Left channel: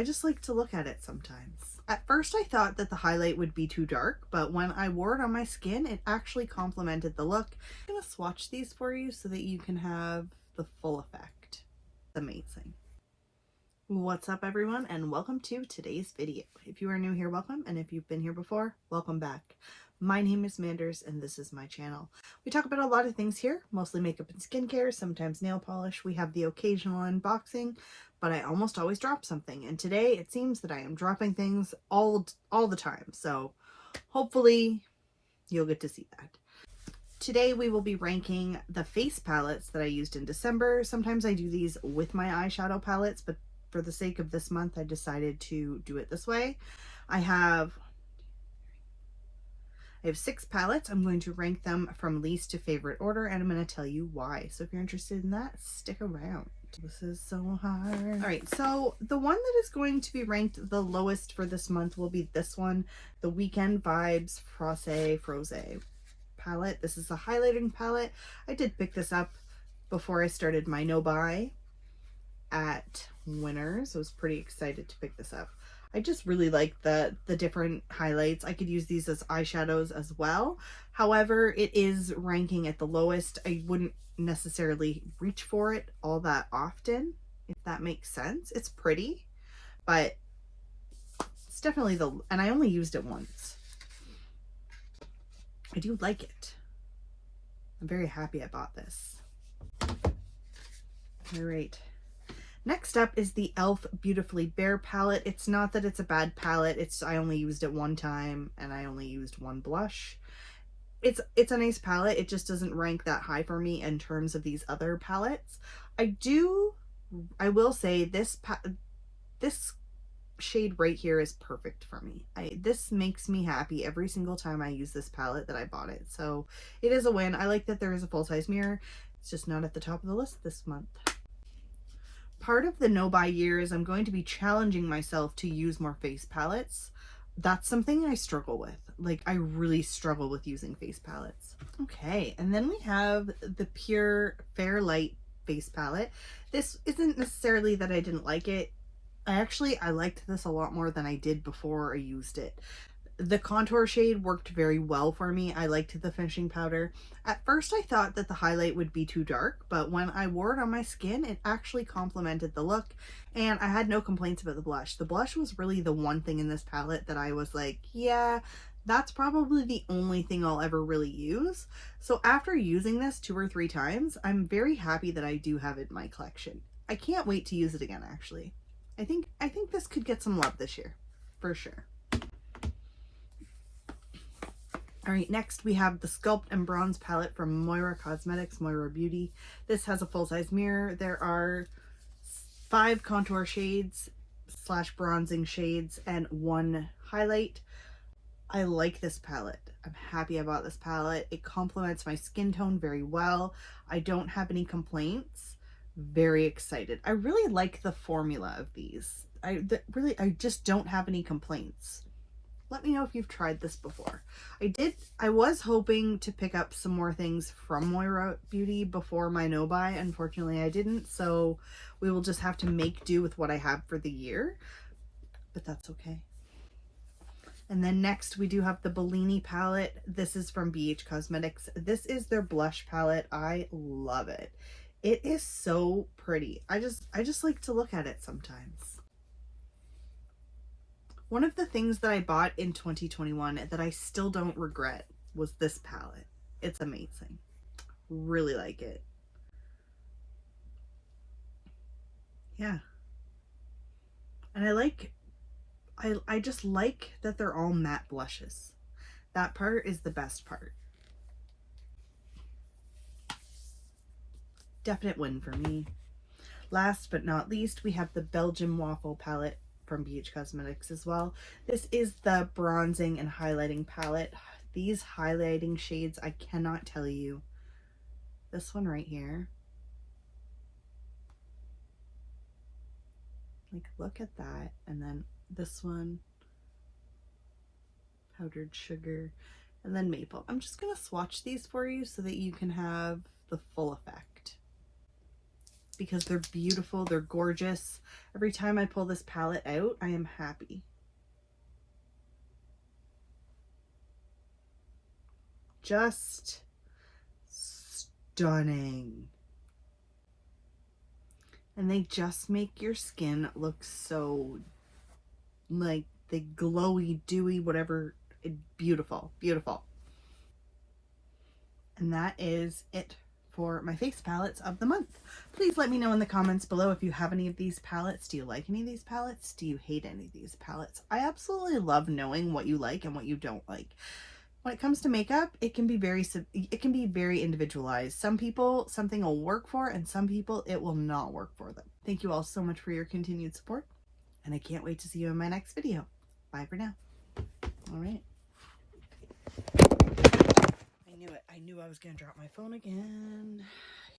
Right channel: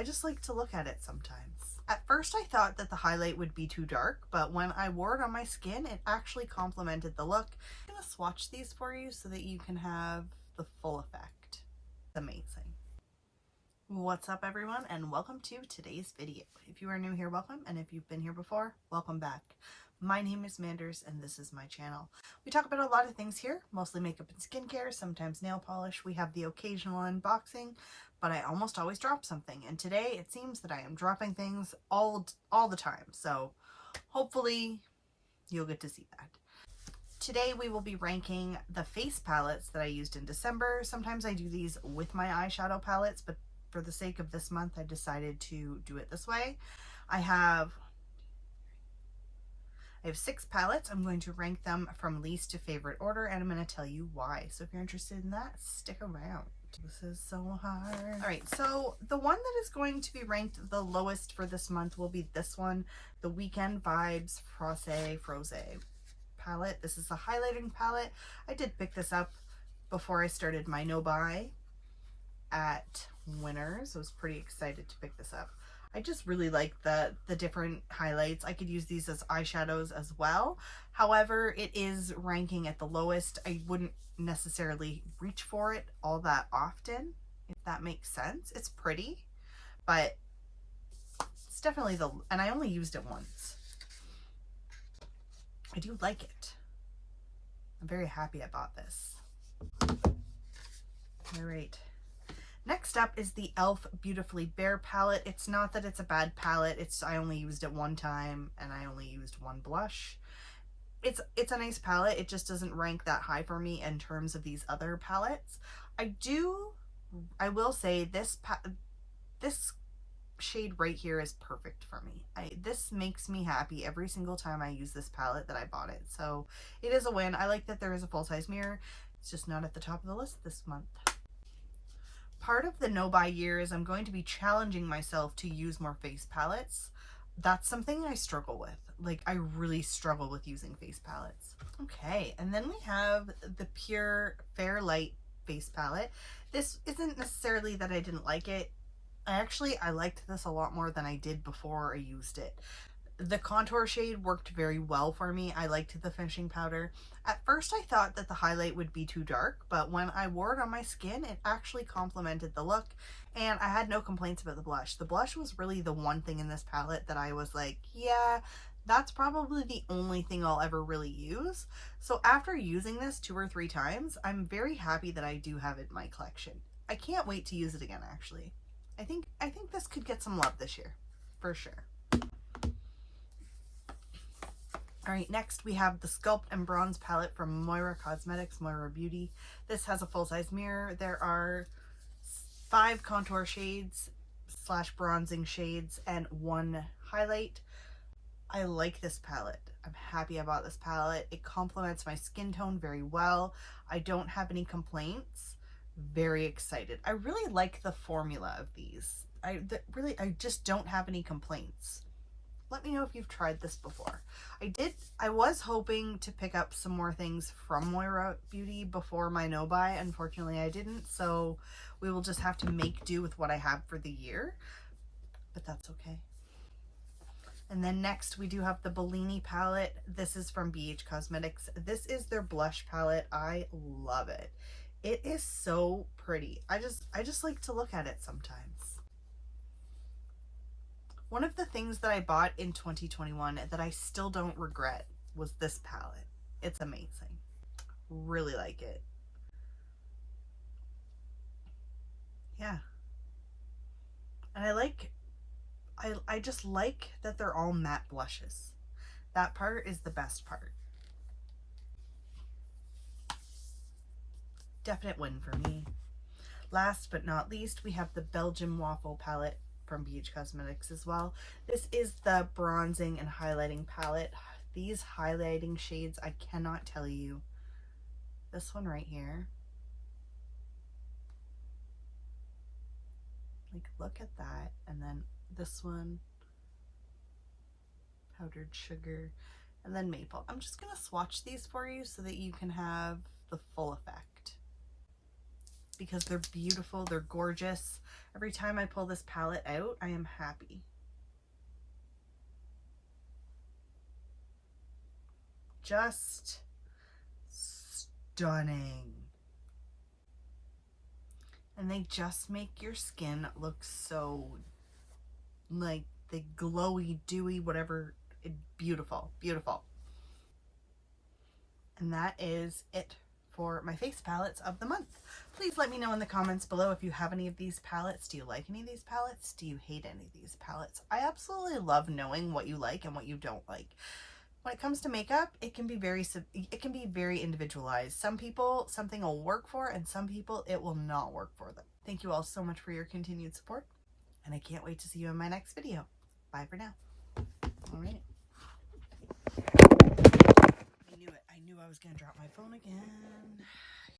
I just like to look at it sometimes. At first I thought that the highlight would be too dark, but when I wore it on my skin, it actually complemented the look. I'm gonna swatch these for you so that you can have the full effect. It's amazing. What's up everyone, and welcome to today's video. If you are new here, welcome, and if you've been here before, welcome back. My name is Manders and this is my channel. We talk about a lot of things here, mostly makeup and skincare, sometimes nail polish. We have the occasional unboxing, but I almost always drop something, and today it seems that I am dropping things all the time, so hopefully you'll get to see that. Today we will be ranking the face palettes that I used in December. Sometimes I do these with my eyeshadow palettes, but for the sake of this month I decided to do it this way. I have 6 palettes. I'm going to rank them from least to favorite order, and I'm going to tell you why. So if you're interested in that, stick around. This is so hard. All right, so the one that is going to be ranked the lowest for this month will be this one, the Weekend Vibes Froze palette. This is a highlighting palette. I did pick this up before I started my no buy at Winners. I was pretty excited to pick this up. I just really like the different highlights. I could use these as eyeshadows as well. However, it is ranking at the lowest. I wouldn't necessarily reach for it all that often, if that makes sense. It's pretty, but it's definitely and I only used it once. I do like it. I'm very happy I bought this. All right. Next up is the e.l.f. Beautifully Bare palette. It's not that it's a bad palette. I only used it one time and I only used one blush. It's a nice palette. It just doesn't rank that high for me in terms of these other palettes. I will say this shade right here is perfect for me. This makes me happy every single time I use this palette that I bought it. So it is a win. I like that there is a full-size mirror. It's just not at the top of the list this month. Part of the no-buy year is I'm going to be challenging myself to use more face palettes. That's something I struggle with. Like, I really struggle with using face palettes. Okay, and then we have the PUR Fair Light face palette. This isn't necessarily that I didn't like it. I liked this a lot more than I did before I used it. The contour shade worked very well for me. I liked the finishing powder. At first I thought that the highlight would be too dark, but when I wore it on my skin, it actually complemented the look, and I had no complaints about the blush. The blush was really the one thing in this palette that I was like, yeah, that's probably the only thing I'll ever really use. So after using this 2 or 3 times, I'm very happy that I do have it in my collection. I can't wait to use it again, actually. I think this could get some love this year, for sure. All right, next we have the Sculpt and Bronze palette from Moira Cosmetics, Moira Beauty. This has a full-size mirror. There are 5 contour shades / bronzing shades and 1 highlight. I like this palette. I'm happy about this palette. It complements my skin tone very well. I don't have any complaints. Very excited. I really like the formula of these. I just don't have any complaints. Let me know if you've tried this before. I was hoping to pick up some more things from Moira Beauty before my no buy. Unfortunately, I didn't, so we will just have to make do with what I have for the year, but that's okay. And then next we do have the Bellini palette. This is from PUR Cosmetics. This is their blush palette. I love it. It is so pretty. I just like to look at it sometimes. One of the things that I bought in 2021 that I still don't regret was this palette. It's amazing. Really like it. Yeah. And I just like that they're all matte blushes. That part is the best part. Definite win for me. Last but not least, we have the Belgian Waffle palette from PUR Cosmetics as well. This is the bronzing and highlighting palette. These highlighting shades, I cannot tell you. This one right here. Like, look at that. And then this one, powdered sugar, and then maple. I'm just gonna swatch these for you so that you can have the full effect. because they're beautiful. They're gorgeous. Every time I pull this palette out, I am happy. Just stunning. And they just make your skin look so like the glowy, dewy, whatever. Beautiful, beautiful. And that is it for my face palettes of the month. Please let me know in the comments below if you have any of these palettes. Do you like any of these palettes? Do you hate any of these palettes? I absolutely love knowing what you like and what you don't like. When it comes to makeup, it can be very individualized. Some people, something will work for, and some people, it will not work for them. Thank you all so much for your continued support, and I can't wait to see you in my next video. Bye for now. All right. I knew it. I knew I was going to drop my phone again.